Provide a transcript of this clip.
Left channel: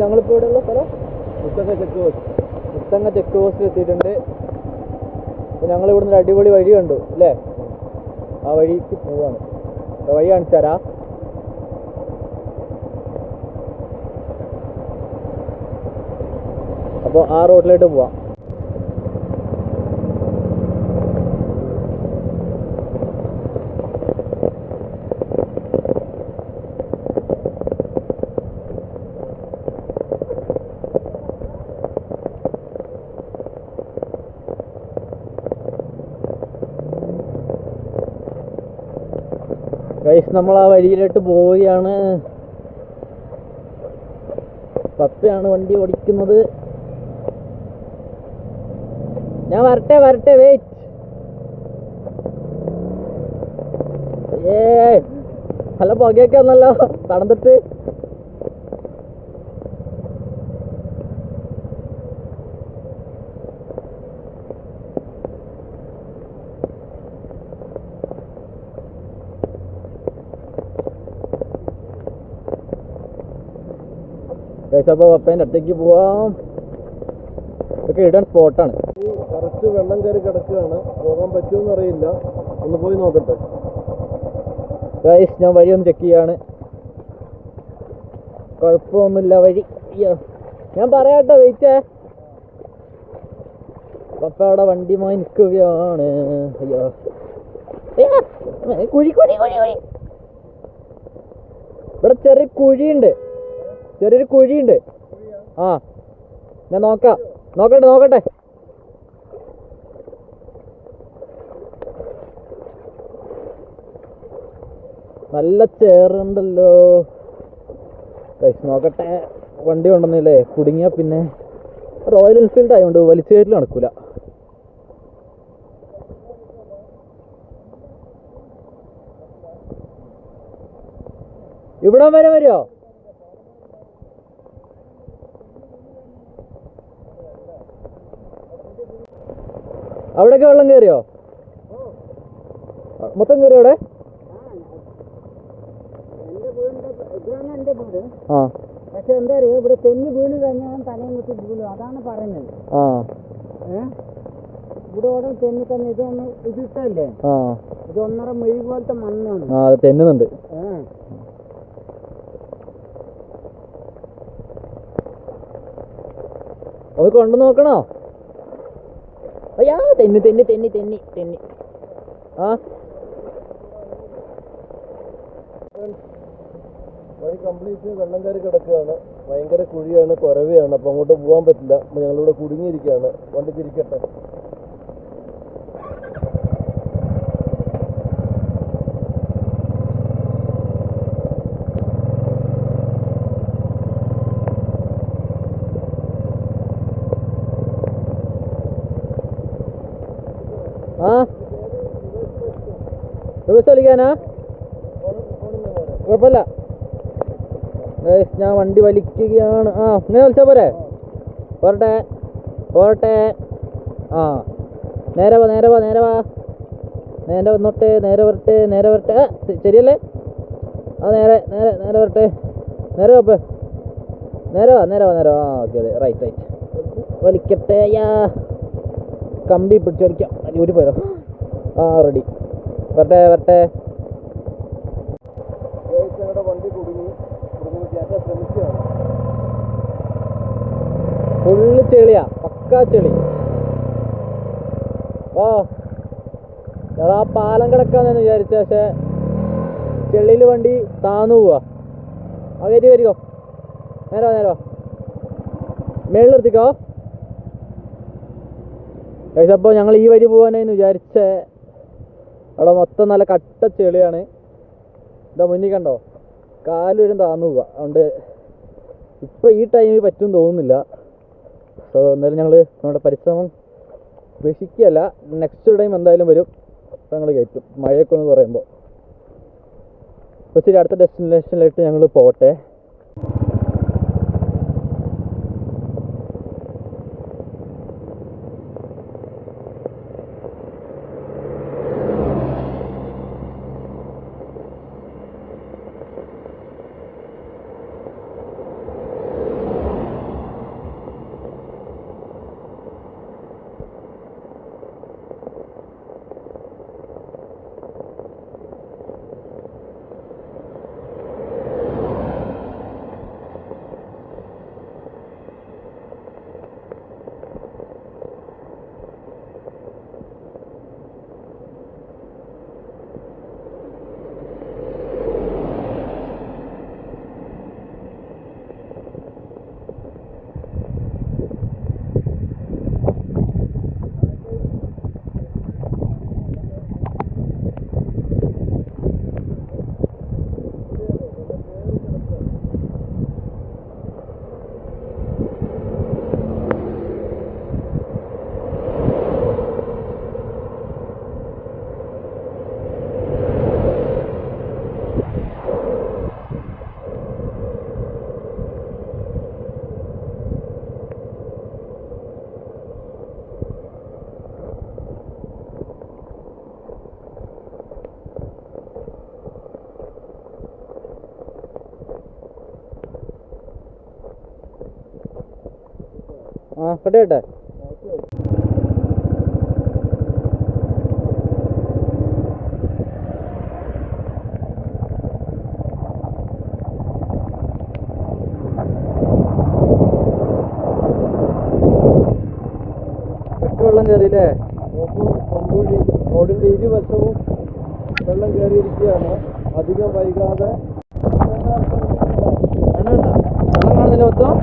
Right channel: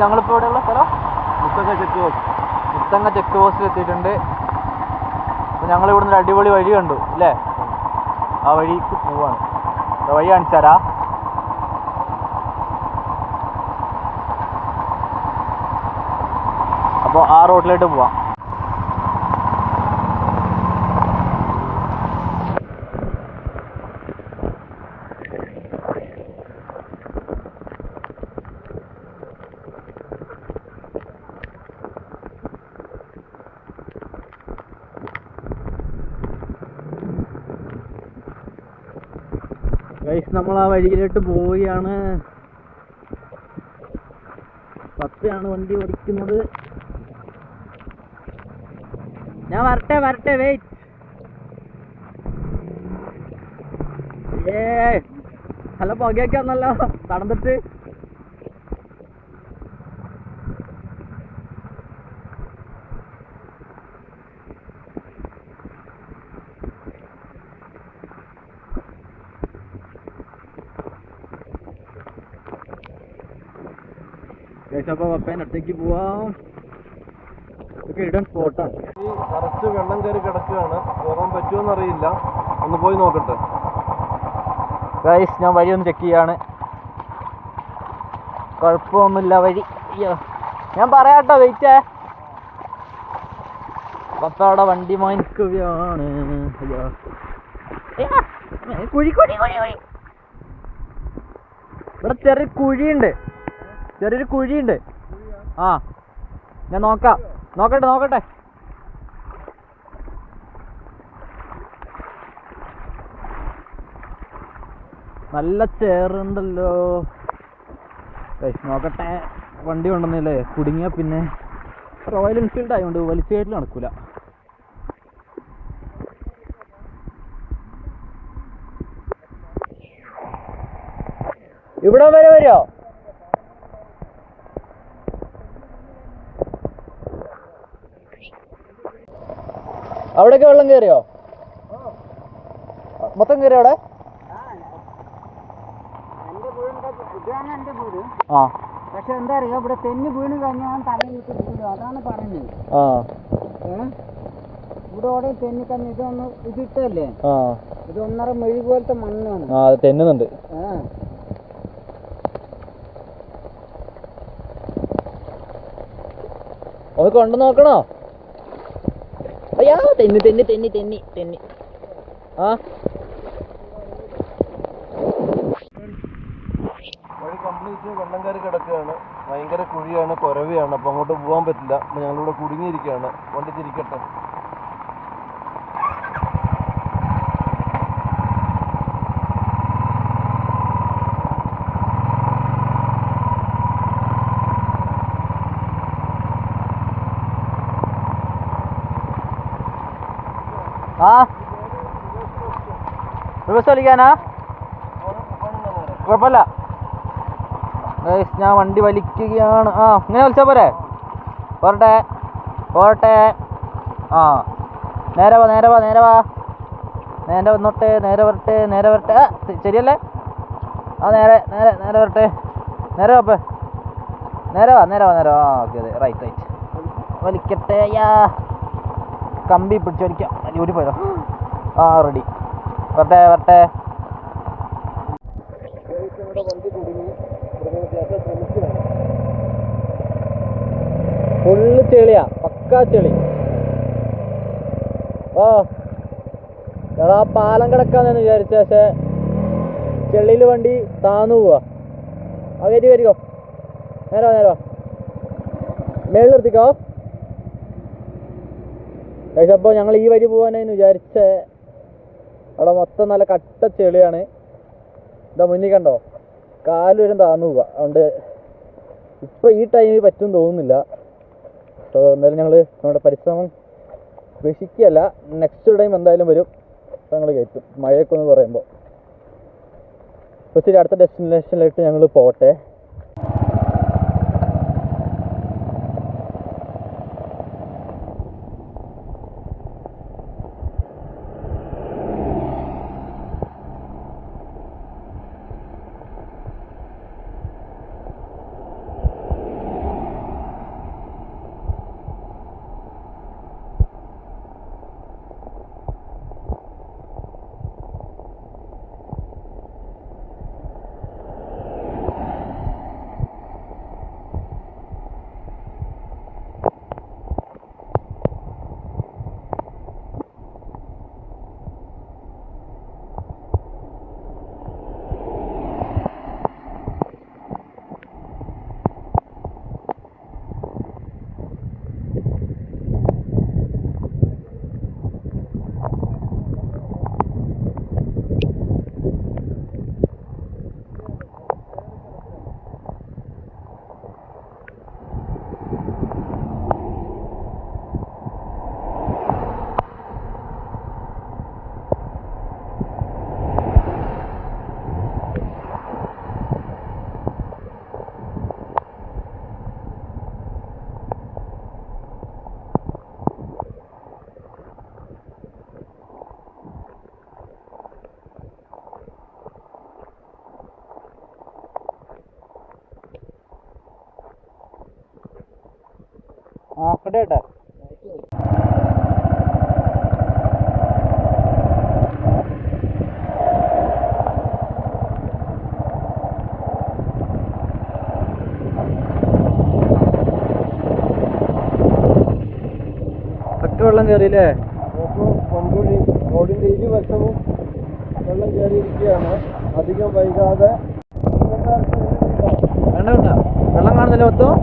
ഞങ്ങളിപ്പോൾ ഇവിടെയുള്ള സ്ഥലം മുത്തങ്ങ ചെക്ക് പോസ്റ്റിൽ എത്തിയിട്ടുണ്ട്. അപ്പോൾ ഞങ്ങൾ ഇവിടുന്ന് ഒരു അടിപൊളി വഴി കണ്ടു അല്ലേ? ആ വഴിക്ക് പോവാണ്. വഴി കാണിച്ചു തരാം. അപ്പോൾ ആ റോഡിലോട്ട് പോവാം. ഗൈസ്, നമ്മൾ ആ വഴിയിലോട്ട് പോവുകയാണ്. പപ്പയാണ് വണ്ടി ഓടിക്കുന്നത്. ഞാൻ വരട്ടെ വെയിറ്റ്. നല്ല പുകയൊക്കെ വന്നല്ലോ തണുത്തിട്ട്. അപ്പോൾ പപ്പേൻ്റെ അടുത്തേക്ക് പോവാം. ഇതൊക്കെ ഇടാൻ സ്പോട്ടാണ്. നിറച്ച് വെള്ളം കയറി കിടക്കുകയാണ്. പോകാൻ പറ്റുമെന്ന് അറിയില്ല. ഒന്ന് പോയി നോക്കട്ടെ. ഗൈസ്, ഞാൻ വഴി ഒന്ന് ചെക്ക് ചെയ്യാണ്. കുഴപ്പമൊന്നുമില്ല വഴി. അയ്യോ, ഞാൻ പറയാട്ടോ, വെയിറ്റേ. പപ്പ അവിടെ വണ്ടി വാങ്ങിക്കുകയാണ്. അയ്യോ, കുഴി. ഇവിടെ ചെറിയൊരു കുഴിയുണ്ട്. ആ, ഞാൻ നോക്കട്ടെ. നല്ല ചേറുണ്ടല്ലോ. നോക്കട്ടെ. വണ്ടി കൊണ്ടുവന്നില്ലേ? കുടുങ്ങിയ പിന്നെ റോയൽ എൻഫീൽഡ് ആയതുകൊണ്ട് വലിച്ചു കയറ്റി നടക്കൂല. ഇവിടെ വരെ വരുമോ? അവിടേക്ക് വെള്ളം കയറിയോ? മൊത്തം കയറിയോ അവിടെ? ആ, പക്ഷെ എന്താ അറിയോ, ഇവിടെ തെന്നി വീണ് കഴിഞ്ഞാൽ തലയിട്ട് വീഴും. അതാണ് പറയുന്നത്. ഇവിടെ ഓടെ തെന്നി തന്നെ ഇതൊന്ന് ഇതിട്ടല്ലേ? ഇത് 1.5 മെഴി പോലത്തെ മണ്ണാണ്. തെന്നുന്നുണ്ട്. ഒന്ന് കൊണ്ടു നോക്കണോ? അയ്യാ, തെന്നി. ആ, വഴി കംപ്ലീറ്റ് വെള്ളം കയറി കിടക്കുകയാണ്. ഭയങ്കര കുഴിയാണ്, കുരവയാണ്. അപ്പോൾ അങ്ങോട്ട് പോകാൻ പറ്റില്ല. അപ്പോൾ ഞങ്ങളിവിടെ കുടുങ്ങിയിരിക്കുകയാണ്. വണ്ടി തിരിക്കട്ടെ. റിവേഴ്സ് വലിക്കാനാ? കുഴപ്പമില്ല. ഞാൻ വണ്ടി വലിക്കുകയാണ്. ഇങ്ങനെ വലിച്ചാൽ പോരെ? പോരട്ടെ. ആ, നേരെ വാ. നേരെ വന്നോട്ടെ. നേരെ വരട്ടെ. ശരിയല്ലേ? നേരെ വരട്ടെ. നേരെ വാ. ഓക്കെ, അതെ, റൈറ്റ്. വലിക്കട്ടെ. കമ്പി പിടിച്ച് വലിക്കാം. അടിപൊളി പോയോ? റെഡി. വരട്ടെ. വണ്ടി കുടുങ്ങി ശ്രമിക്കുകയാണ്. ഫുള്ള് ചെളിയാ, പക്കാ ചെളി. എടാ, പാലം കിടക്കാന്ന് വിചാരിച്ച, പക്ഷെ ചെളിയിൽ വണ്ടി താന്നു പോവാ. അതേറ്റ് വരികോ. നേരെ വാ. മേളിൽ നിർത്തിക്കോ. പക്ഷെ അപ്പോൾ ഞങ്ങൾ ഈ വഴി പോകാനെന്ന് വിചാരിച്ചേ, അവിടെ മൊത്തം നല്ല കട്ട ചെളിയാണ്. ഇതാ മുന്നിൽ കണ്ടോ? കാല് വരും താന്നു പോവുക. അതുകൊണ്ട് ഇപ്പം ഈ ടൈമിൽ പറ്റും തോന്നുന്നില്ല. സോ എന്തായാലും ഞങ്ങൾ നമ്മുടെ പരിശ്രമം ഉപേക്ഷിക്കുകയല്ല. നെക്സ്റ്റ് ടൈം എന്തായാലും വരും. അപ്പോൾ ഞങ്ങൾ കയറ്റും, മഴയൊക്കെ ഒന്ന് കുറയുമ്പോൾ. അപ്പോൾ ശരി, അടുത്ത ഡെസ്റ്റിനേഷനിലേക്ക് ഞങ്ങൾ പോകട്ടെ. ആ കേട്ടെ വെള്ളം കയറിയില്ലേ? മൺകുഴി റോഡിന്റെ ഇരുവശവും വെള്ളം കയറിയിരിക്കുകയാണ്. അധികം വൈകാതെ വെള്ളം കാണുന്നില്ല മൊത്തം.